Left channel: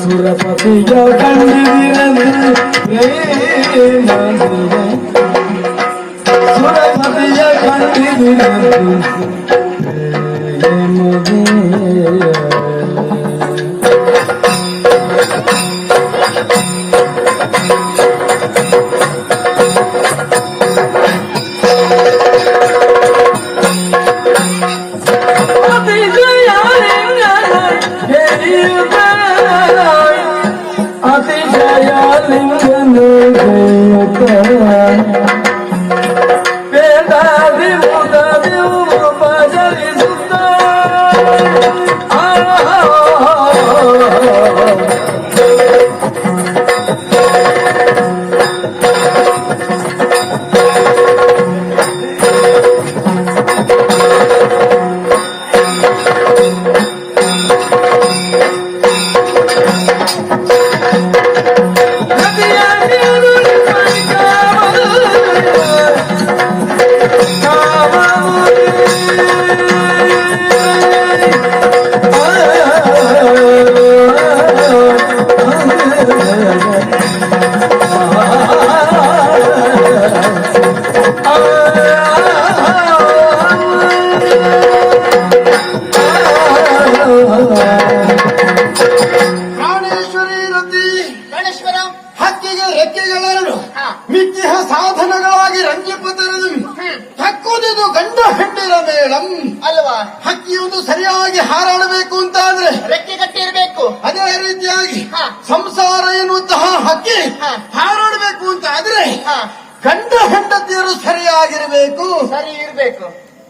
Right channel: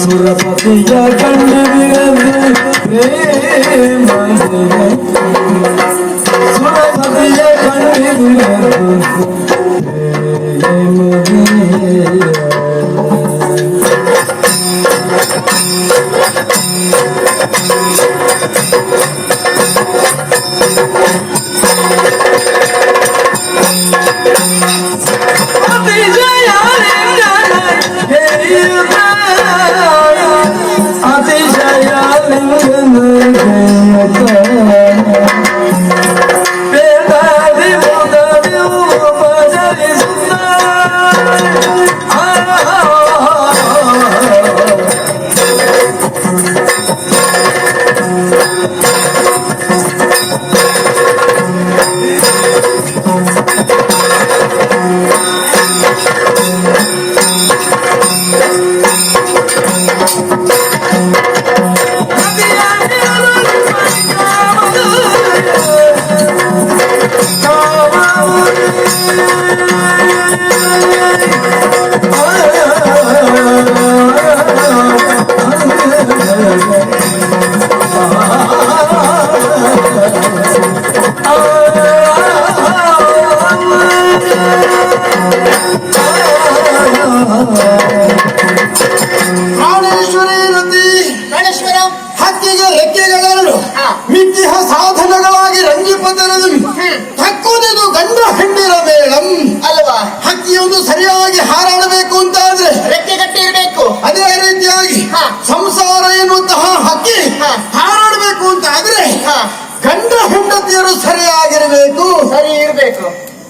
ಸುರಪತಿಯ ಕಂಡಿದಿರಲು ಸುರಪತಿಯ ಕಂಡಿದಿರಲು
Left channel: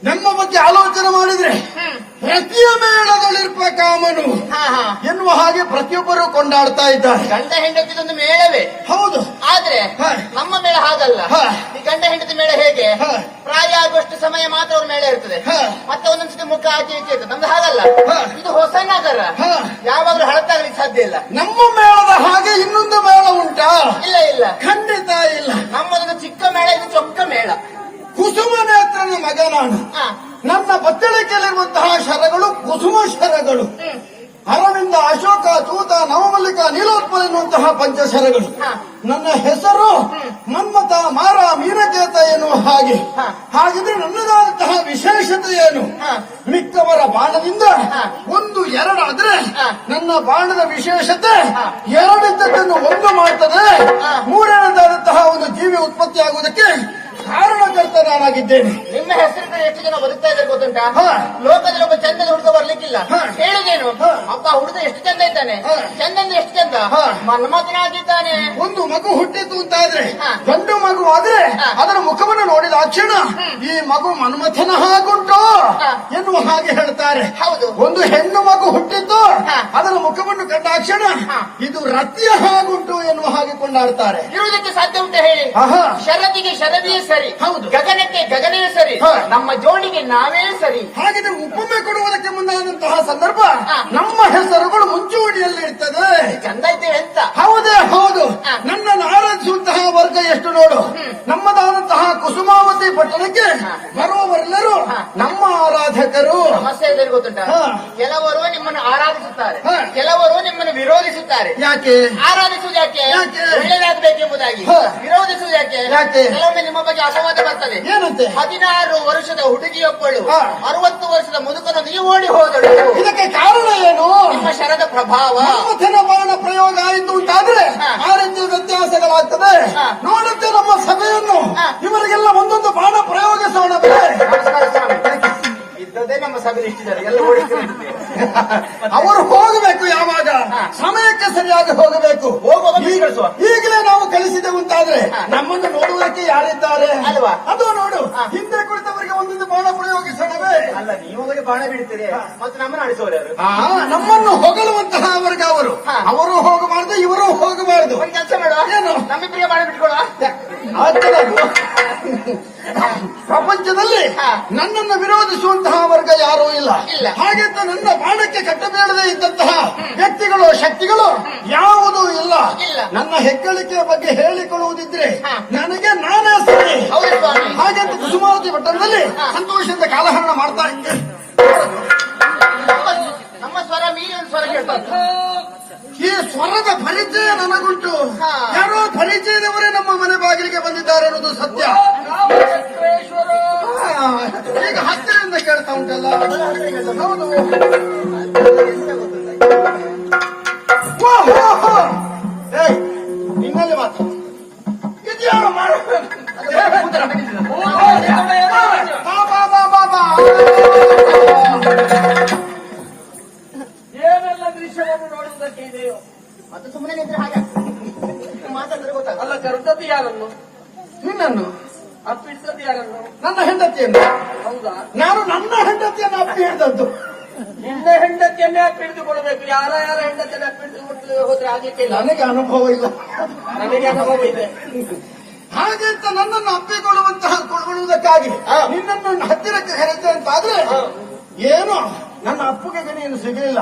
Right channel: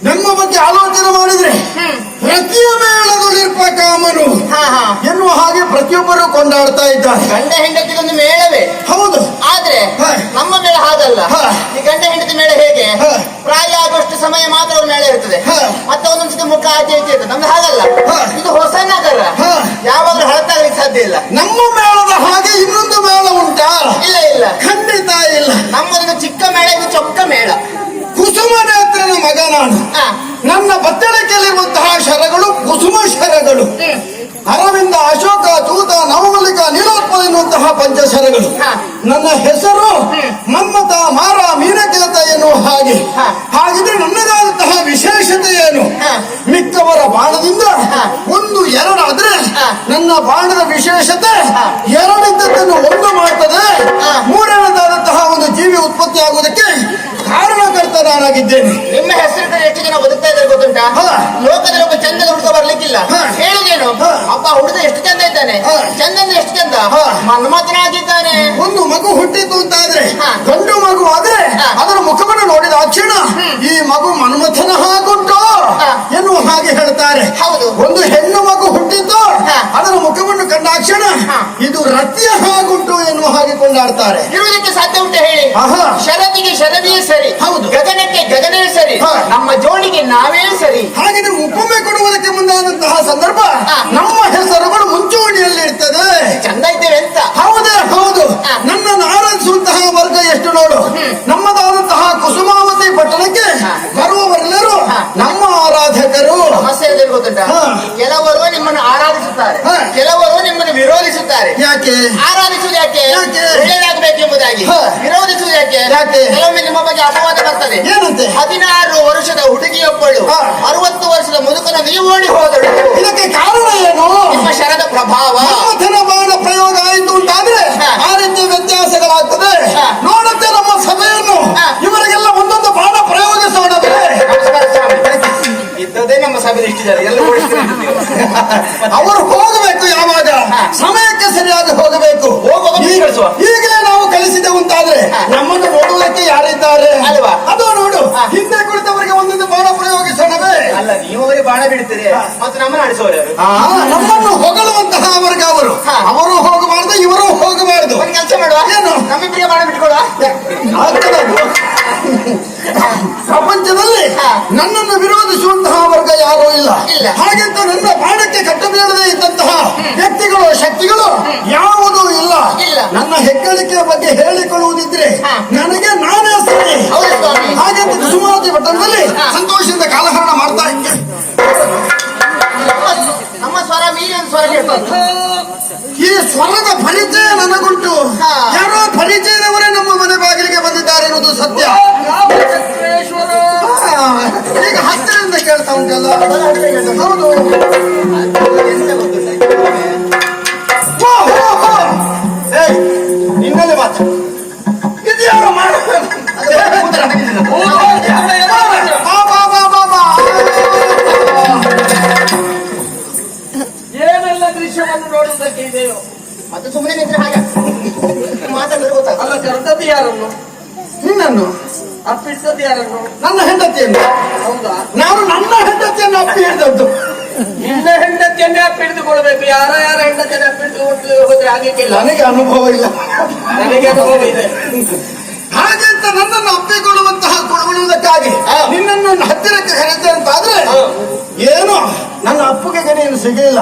ನಮ್ಮ ಬಗ್ಗೆ ಆಲೋಚನೆ ಮಾಡಿದ್ರೆ ಪ್ರತಿಯ ಮೇಳದಲ್ಲಿರುವ ಕಾಮನು ಎನ್ನುವ ಹಾಗೆ ಪ್ರತಿಯೊಬ್ಬರು ಕೊಂಡಾಡ್ತಾ ಇದ್ದಾರೆ. ಗಂಡ ಹೆಂಡತಿಗೊಂದು ಮೇಳವೇ ಹೌದು, ಆದ್ರೆ ನಮ್ಮ ಮೇಳ ಹಾಗಲ್ಲ. ಈ ಗಂಡ ಹೆಂಡತಿ ಮೇಳ ಹೇಗೆ ಪ್ರಾಯ ಆಗುವಷ್ಟು ಸಮಯ ಮಾತ್ರ ಅವ್ರ ಮೇಳ ಇರ್ತದೆ, ಮತ್ತೆ ಒಂದೊಂದ್ಸತಿ ಮುಖ ಆಚೆ ಈಚೆ ಇರ್ತದೆ. ನಮ್ದು ಹಾಗಲ್ಲ, ಇದು ಹೊಸ ನಗರ, ಯಾವಾಗ್ಲೂ ಹಳತಾಗ್ಲಿಕ್ಕೆ ಸಾಧ್ಯ ಇಲ್ಲ. ನಮ್ಮ ಮೇಳದ ಹಾಗೆ ಇನ್ನೊಂದು ಮೇಳ ಉಂಟಾ? ಇಲ್ಲ ಇಲ್ಲ, ಖಂಡಿತ ಇಲ್ಲ. ನಮ್ಮದೊಂದು ಚಿಕ್ಕ ಮೇಳ, ಇದು ಚೊಕ್ಕ ಮೇಳ. ಕುಸುಮ ನೇತ್ರನ ಮಗ ನಾನು. ನನ್ನ ಬತ್ತಳಿಕೆಯಲ್ಲಿರುವಂತಹ ಶರಗಳು ಕುಸುಮ ಶರಗಳು. ಅರವಿಂದ, ಅಶೋಕ, ತೂತ, ನವಮಲ್ಲಿಕ, ನೀಲೋತ್ಪಲ ಎನ್ನುವಂತಹ ಪಂಚಶರಗಳು. ನನ್ನ ಹೆಸರು ಮನ್ಮಥ, ಮಾರ, ಮೀನಕೇತ ಎನ್ನುವ ಹಾಗೆ. ಹಾಗಿದ್ರೆ ನನ್ನದಾದಂತಹ ವಿಶೇಷತೆ ಏನು? ಮಿಕ್ಕವರ ಬಾಣದಿಂದ ಒಂದು ಎರಡಾದ್ರೆ ನನ್ನ ಬಾಣದ ವಿಶೇಷತೆ ಎರಡಿದ್ದನ್ನು ಒಂದು ಮಾಡ್ತದೆ. ಮೂರನೇದಾದಂತಹ ಒಂದು ಜೀವಿ ಉತ್ಪತ್ತಿ ಆಗುವುದಕ್ಕೆ ಕಾರಣಕರ್ತ ನಾನಾಗಿದ್ದೇನೆ. ನಿಮ್ಮ ಹೆಸರು ಎಷ್ಟು ಜನ ಬದುಕ್ತಾ ಇದ್ದಾರೆ ಗೊತ್ತುಂಟಾ? ಲೋಕದಲ್ಲಿ ಒಬ್ಬ ಚಂದದ ಹುಡುಗ ಬರ್ಲಿಕ್ಕಿಲ್ಲ. ಹೇಳುದೇನು, ಅಪ್ಪ ಹುಡುಗ ಎಷ್ಟು ಚಂದ ಇದ್ದಾನೆ, ಚಂದ ಅಂದ್ರೆ ಎಷ್ಟು ಚಂದ, ಮನ್ಮಥನಾಗಿದ್ದಾನೆ. ಒಂದು ಮಗು ಹುಟ್ಟಿತು ಅಂತ ಆದ್ರೆ, ಗಂಡು ಮಗು ಆದ್ರೆ ಅದರ ಮುಖವನ್ನು ನೋಡಿದ ತಕ್ಷಣ ಈ ಮಗು ಮನ್ಮಥನ ಹಾಗುಂಟು ಎನ್ನುವ ಹಾಗೆ ಹೇಳ್ತಾರೆ. ಹೌದು, ಒಂದು ಹೆಣ್ಣು ಮಗು ಹುಟ್ಟಿದ್ದು ಅದರ ಮುಖವನ್ನು ಕಂಡಾಕ್ಷಣ ಇದು ರತಿಯ ಹಾಗುಂಟು ಎನ್ನುವ ಹಾಗೆ ಕೊಂಡಾಡ್ತಾರೆ. ಇರುವುದಕ್ಕೆ ಸಾಧ್ಯ ಉಂಟು ಹೇಳಿ? ಶರದಿಗೆ ಶರದಿಯೇ ಸರಿ, ಹೌದು, ಗಗನಕ್ಕೆ ಗಗನೇ ಸರಿ, ನಮ್ಮ ಜೋಡಿಗೆ ನಾವೇ ಸರಿ. ಹಾಗಿದ್ರೆ ಉಪಮೆ ಕೊಡುವುದಕ್ಕೆ ಮುಂದಾದಂತಹ ಸಂದರ್ಭ ನಮ್ಮ ಹೆಸರುಗಳು ಮುಂಚೂಣಿಯಲ್ಲಿ ಇರ್ತದೆ. ಚಂದ ಇದ್ದೇವೆ ಅಂತ. ಹೌದೇ ಹೌದು. ನನ್ನನ್ನು ಆರಾಧಿಸುವಂತಹ ವರ್ಗ ಎಷ್ಟು ನೋಡು. ನಮ್ಮದಾದಂತಹ ಕುಸುಮಾವತಿ ಪಟ್ಟಣಕ್ಕೆ ಬರುವವರೆಲ್ಲರೂ ನಮ್ಮ ಆರಾಧಕರು. ಸಮಸ್ಯೆ ಇದೆ ಗೊತ್ತುಂಟ? ಕೆಲವರು ನಿಮ್ಮನ್ನು ಆರಾಧಿಸುತ್ತಾರೆ, ಕೆಲವರು ನಿಮ್ಮನ್ನು ವಿರೋಧಿಸುತ್ತಾರೆ. ಯಾಕೆ ಆರಾಧಿಸುವುದು ಯಾಕೆ? ಒಳ್ಳೆಯದಾಗಬೇಕೆಂಬುದಾಗಿ. ವಿರೋಧಿಸುವುದು ಯಾಕೆ? ಕೆಲವೊಮ್ಮೆ ನಿಮ್ಮ ಬಗ್ಗೆ ಅಪವಾದ ಬರ್ತದೆ. ಏನಂತೆ? 16 ವರ್ಷದ ಹುಡುಗಿಯೊಬ್ಬಳು 60 ವರ್ಷದ ಮುದುಕನ ನೀವು ಓಡಿ ಹೋದಳು. ಇದಕ್ಕೆ ಕಾರಣ ಏನು? ನಿಮ್ಮ ಶರದ ಪ್ರಭಾವ. ಮನ್ಮಥನ ಬಾಣ ಪ್ರಯೋಗ ಆಯಿತು ಅಂತಾದ್ರೆ ಆ ರೀತಿ ವ್ಯತ್ಯಾಸಗಳಾಗ್ತದೆ. ನೋಡುತ್ತೆ ನಮ್ಮ ಸಭೆಯನ್ನು, ಇವರಿಗೆಲ್ಲ ಒಂದೊಂದು ಬಾಣ ಪ್ರಯೋಗಿಸೋಣವೇ. ಇದ್ದದೇ ನಮ್ಮ ಸಭೆ ಇಷ್ಟಿದ್ದಾರೆ, ಎಲ್ಲ ಅವರು ಹೋಗಬೇಕು. ಯಾವಾಗ ಸಮಯಕ್ಕೆ ಸರಿಯಾಗಿ ಹೋಗಬೇಕು. ಈಗಲೇ ನಾವು ಕಳಿಸಿದೆವು ಅಂತಾದ್ರೆ ನಮ್ಮನ್ನು ನೋಡುವುದಕ್ಕೆ ಯಾರಿದ್ದಾರೆ ಅಲ್ವಾ? ಅದು ನೋಡು, ಹಿಂದೆ ಕುಳಿತವರಿಗೆ ಒಂದೊಂದು ಬಾಣ ಪ್ರಯೋಗಿಸೋಣವೇ. ಅಲ್ಲ, ನೀವು ಅವರಿಗೆ ಬಾಣ ಬಿಡುತ್ತೀರಿ, ಮತ್ತೆ ನಮ್ಮನ್ನು ಆಡಿಸೋರು. ನಮ್ಮನ್ನು ಹೊಗಳುವಂತಹ ಅವರಿಗೆ ಅವರು ಹೋಗಬಾರ್ದು, ಇವರು ಹೋಗಬಾರ್ದು. ಕೆಲಸ ಮಾಡುವ, ಏನು ನಮ್ಮಿಬ್ಬರಿಗೆ ಬಾಣ ಬಿಟ್ಕೊಡುವ. ಪ್ರಪಂಚದಲ್ಲಿ ನನ್ನನ್ನು ವಿರೋಧಿಸುವಂತಹ ವರ್ಗ ಯಾರೂ ಇಲ್ಲ. ಇಲ್ಲ. ಹಾಗೆಂತ ನನ್ನ ಬಾಣಕ್ಕೆ ಕಟ್ಟಬೀಳದೆ ಇದ್ದಂತಹ ವ್ಯಕ್ತಿಗಳು ಶಕ್ತಿಗಳು ಯಾವುದೂ ಇಲ್ಲ. ಇಲ್ಲ. ನನ್ನ ಹೆಗ್ಗಳಿಕೆ ಬಗ್ಗೆ ಹೇಳಿಕೊಳ್ಳುವುದಿದ್ರೆ ಹಾ. ನನಗೆ ನಾನೇ ಸರಿ. ಹೌದು ಸ್ವಾಮಿ. ಹಾಗೆಂತ ಕುಸುಮಾವತಿ ಪಟ್ಟಣದಲ್ಲಿ ಸಂತೋಷದಿಂದ ಕಾಲಹರಣ ಮಾಡ್ತಾ ಇದ್ದೆ. ನಮ್ಮ ಸ್ವರ ಮೀರಿನ ಸ್ವರ ಕೇಳ್ತಾರೆ. ಈ ಸ್ವರದ ಪರಿಚಯ ನನಗುಂಟು. ಹಾ. ಯಾರೋ ಪರಿಚಯದವರೇ ನಮ್ಮ ಮನೆ ಬಾಗಿಲಿಗೆ ಬಂದಿದ್ದಾರೆ ಅನ್ನೋದು ಸತ್ಯ. ಹಾ, ಈಗ ಹತ್ತಿರದಿಂದ ಕೇಳ್ತಾ ಉಂಟಲ್ಲ. ಹೌದು. ಎಂತ ಗೊತ್ತಿಲ್ಲ. ಹೋ, ಹೋ, ಹೋ. ಏಯ್, ನಿನ್ನಲ್ಲಿ ಮಾತು ಇದ್ಯಾರು ಮಾಡ ಏನೆಲ್ಲ ದೃಶ್ಯವನ್ನು ನೋಡುವುದಕ್ಕೆ ಇದೆಯೋ ಅದು ಸುಮ್ಮನೆ ನಿಂತ್ರೆ ಹಾಗೆ ಮಾತಾಡಿದ್ರೆ ಗೊತ್ತಾಗ. ಅಲ್ಲ, ಕರೆದದ್ದು ಯಾರನ್ನು, ನಿನ್ನನ್ನು ಅಪ್ಪಿಟ್ಟದ್ದು ಯಾರನ್ನು? ನನ್ನ ಹೆಂಡತಿಯನ್ನು. ಹೌದಾ? ನಾನು ನನ್ನ ಹೆಂಡತಿಯನ್ನು ಅಪ್ಪಿ ಹಿಡಿದದ್ದು. ನಿನ್ನ ಹೆಂಡತಿಯನ್ನೇ ಅಪ್ಪಿಡಿದುಕೊಳ್ಬೇಕು. ಯಾರ ಹೆಂಡತಿಯನ್ನು ಅಪ್ಪಿಡಿದು ಹೋದ್ರೆ ಆಗಕ್ಕಿಲ್ಲ. ನನಗೆ ಅನುಭವ ಇಲ್ಲ. ನನಗೆ ಅನುಭವ ಇದೆ. ಹಾಗೆಂತ ನನ್ನನ್ನು ಅಪ್ಪಿಕೊಳ್ಳುವಂತಹ ಕೊಡುವುದಕ್ಕಾಗಿ ನಿನ್ನನ್ನು ಹತ್ತಿರಕ್ಕೆ ಕರೆತೆ ಅಂತಾದ್ರೆ ಏನು ನನ್ನ ಅಪ್ಪುಗೆ ನೀನು ಸಿಗಿಲ್ಲ.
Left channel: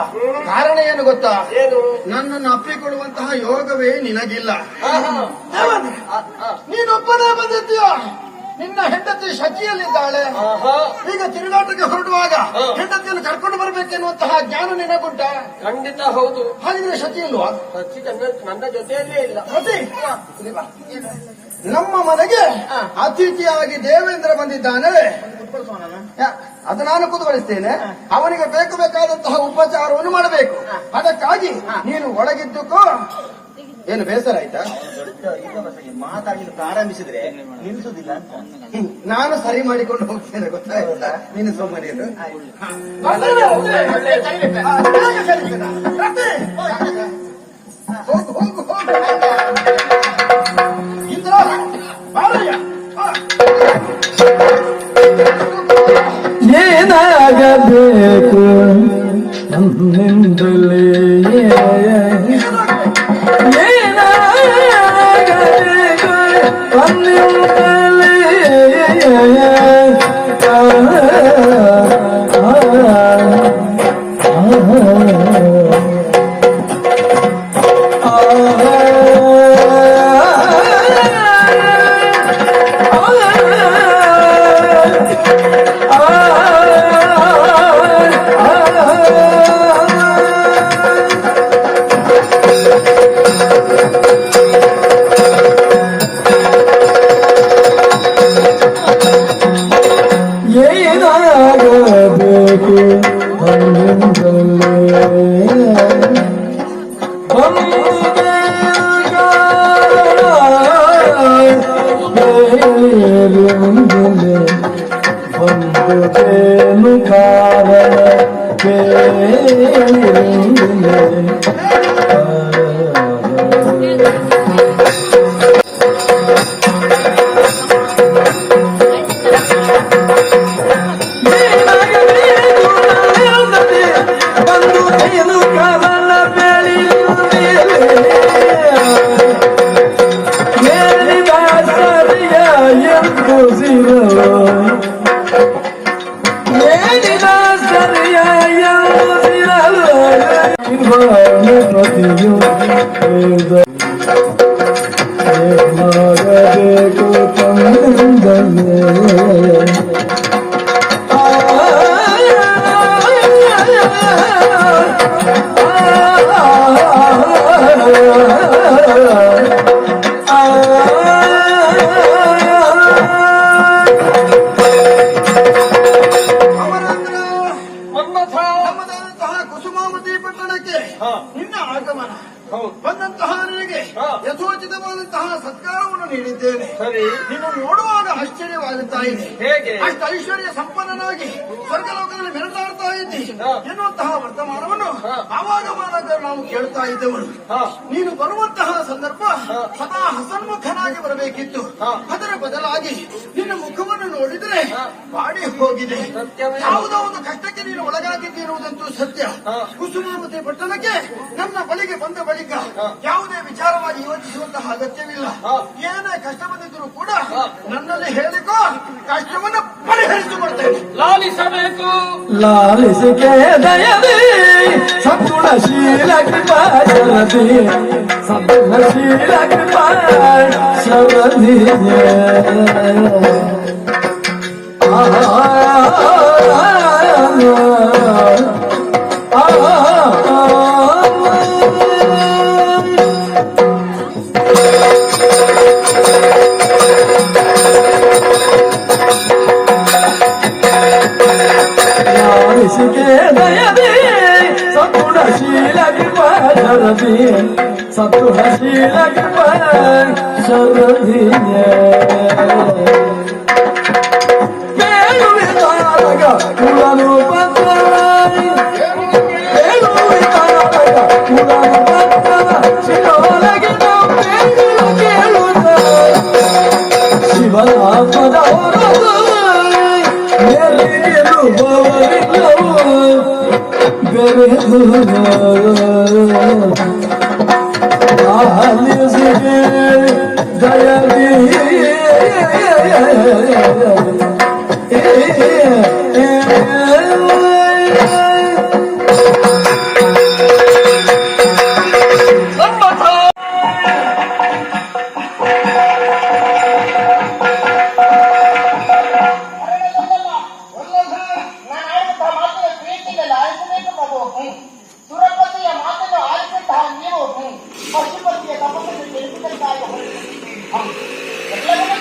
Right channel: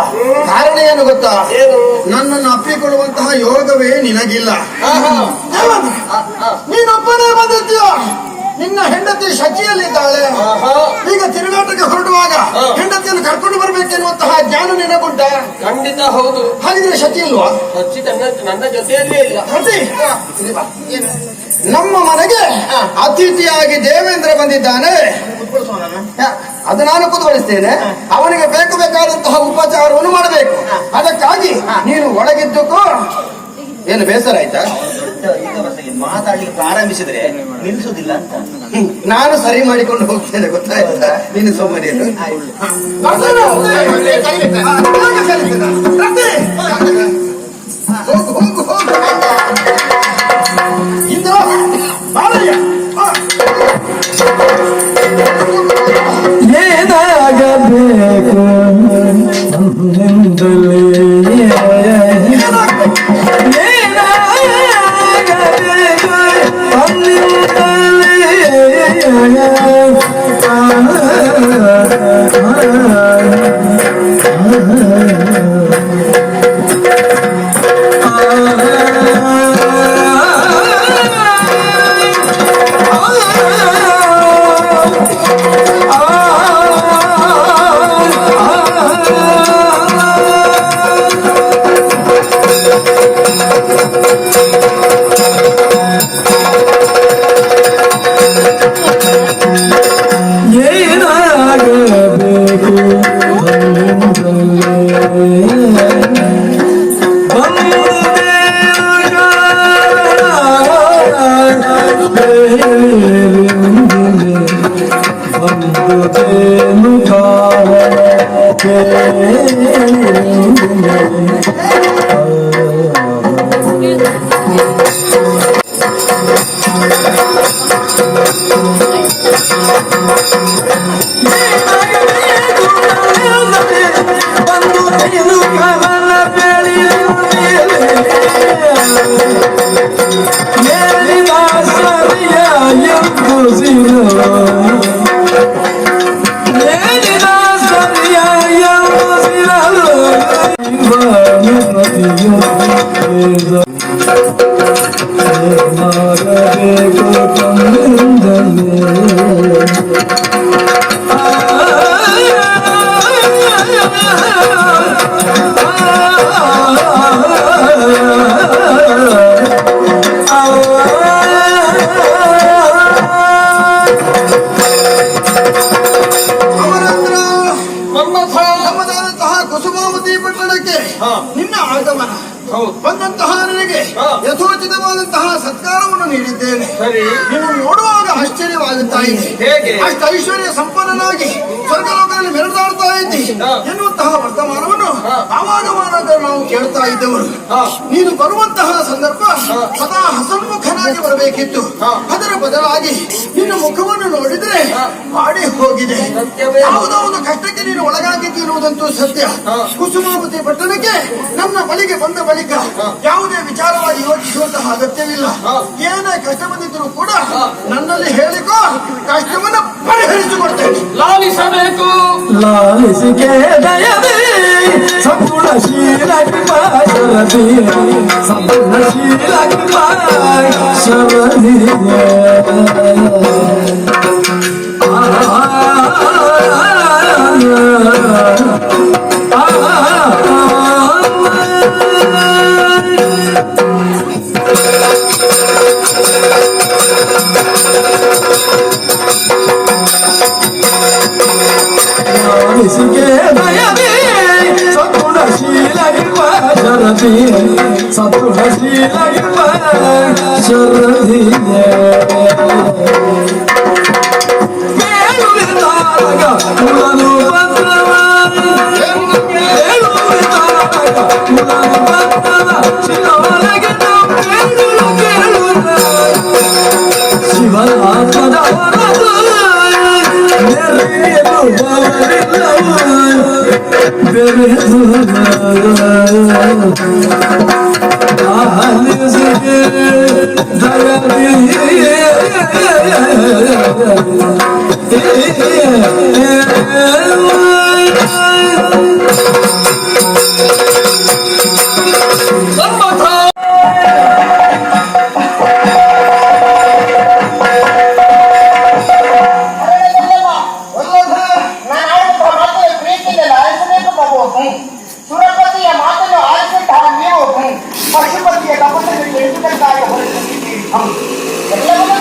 ಕಾರಣ ಏನು ಗೊತ್ತಾ? ಏನು? ನನ್ನನ್ನು ಅಪ್ಪಿಕೊಳ್ಳುವಂತಹ ಯೋಗವೇ ನಿನಗಿಲ್ಲ. ನೀನೊಬ್ಬನೇ ಬಂದಿದ್ದೀಯ. ನಿನ್ನ ಹೆಂಡತಿ ಶಚಿಯಲ್ಲಿದ್ದಾಳೆ. ಈಗ ತಿರುಗಾಟಕ್ಕೆ ಹೊರಡುವಾಗ ಹೆಂಡತಿಯನ್ನು ಕರ್ಕೊಂಡು ಬರ್ಬೇಕೆನ್ನುವಂತಹ ಜ್ಞಾನ ನಿನಗುಂಟ? ಖಂಡಿತ ಹೌದು. ಹಾಗಿದ್ರೆ ಶಚಿ ಇಲ್ವಾ? ಸಚ್ಚಿ ನನ್ನ ಜೊತೆಯಲ್ಲೇ ಇಲ್ಲ. ಶಚಿ, ನಮ್ಮ ಮನೆಗೆ ಅತಿಥಿಯಾಗಿ ದೇವೇಂದ್ರ ಬಂದಿದ್ದಾನೆ. ಅದು ನಾನು ಕುದುವಳಿಸ್ತೇನೆ. ಅವನಿಗೆ ಬೇಕಾದಂತಹ ಉಪಚಾರವನ್ನು ಮಾಡಬೇಕು. ಅದಕ್ಕಾಗಿ ನೀನು ಒಳಗಿದ್ದಕ್ಕೂ ಏನು ಬೇಸರ ಆಯ್ತಾ? ಮಾತಾಡ್ಲಿಕ್ಕೆ ಪ್ರಾರಂಭಿಸಿದ್ರೆ ನಿಲ್ಲಿಸುದಿಲ್ಲ ಅಂತ ನಾನು ಸರಿ ಮಾಡಿಕೊಂಡು ಹೋಗ್ತೇನೆ, ಗೊತ್ತಾಯ್ತಾ? ನೀನು ಸುಮ್ಮನೆ ಇರು. ಹೋಗು ಹೋಗು ಹೋಗು. ಇಂದ್ರ, ಬಾರಯ್ಯ. ಏನಾಗಬೇಕು ನನ್ನಿಂದಲೇ ಏನಾಗಬೇಕು ನಮ್ಮದಾದಂತಹ ಕುಸುಮಾವತಿ ಪಟ್ಟಣಕ್ಕೆ ನಿನ್ನ ಆಗಮನ ಬಂದಂತಹ ನನಗೆ ಯಥೋಚಿತವಾದಂತಹ ಸತ್ಕಾರವನ್ನು ನೀಡಿದ್ದೇನೆ. ಸರಿ. ನೀನು ನೋಡುವಾಗ ಆಶ್ಚರ್ಯವಾಗುತ್ತಾ ಇದೆ. ಹೇಗೆ? ಅಷ್ಟು ಐಶ್ವರ್ಯ ಸಂಪನ್ನನಾಗಿ ಸ್ವರ್ಗಲೋಕದಲ್ಲಿ ಮೆರೆದಾಡ್ತಾ ಇದ್ದಿ ಎನ್ನುವಂತಹ ವರ್ತಮಾನವನ್ನು ಆವಾಗ ನಾವು ಕೇಳ್ತಾ ಇದ್ದವರು. ನೀನು ಬರುವಂತಹ ಸಂದರ್ಭ ಸದಾ ಹಸನ್ಮುಖನಾಗಿ ಬರಬೇಕಿತ್ತು. ಅದರ ಬದಲಾಗಿ ನಿನ್ನ ಮುಖವನ್ನು ನೋಡಿದ್ರೆ ಮಾಡಿ ಹೋಗಿದೆ. ಯಾವುದೋ ಒಂದು ಕಷ್ಟಕ್ಕೆ ನೀನು ಒಳಗಾಗಿದ್ದಿರುವುದಂತೂ ಸತ್ಯ. ಕುಸುಮಾವತಿ ಪಟ್ಟಣಕ್ಕೆ ನನ್ನ ಬಳಿಗೆ ಬಂದ ಬಳಿಕ ಯಾವುದೇ ವಿಚಾರವಾಗಿ ಯೋಚಿಸುವಂತಹ ಅಗತ್ಯವಿಲ್ಲ. ಏನೇ ಕಷ್ಟ ಬಂದಿದ್ದರೂ ಕೂಡ ನನ್ನಲ್ಲಿ ಹೇಳಿಕೋ, ಕಷ್ಟವನ್ನು ಪರಿಹರಿಸಿಕೊಡ್ತೇನೆ. ಲಾಲಿಸಬೇಕು. ಲಾಲಿಸಿಕೆ ದಯದಿ ಸಂಪೂರ್ಣಶೀಲ ಕೃಪಾ ಶರದಿ ಸಂಪೂರ್ಣಶೀಲ ಕೃಪಾ ಶರದಿ ಸುರಪತಿಯ ಮಾತನ್ನು ಆಲಿಸುತ್ತಾ ನೀವು ಪಶುಪತಿಯ ತಪಸ್ಸನ್ನು ತಿಳಿಸುವುದಕ್ಕಾಗಿ ಹೊರಟಿದ್ದೀರಿ. ಎಲ್ಲವನ್ನೂ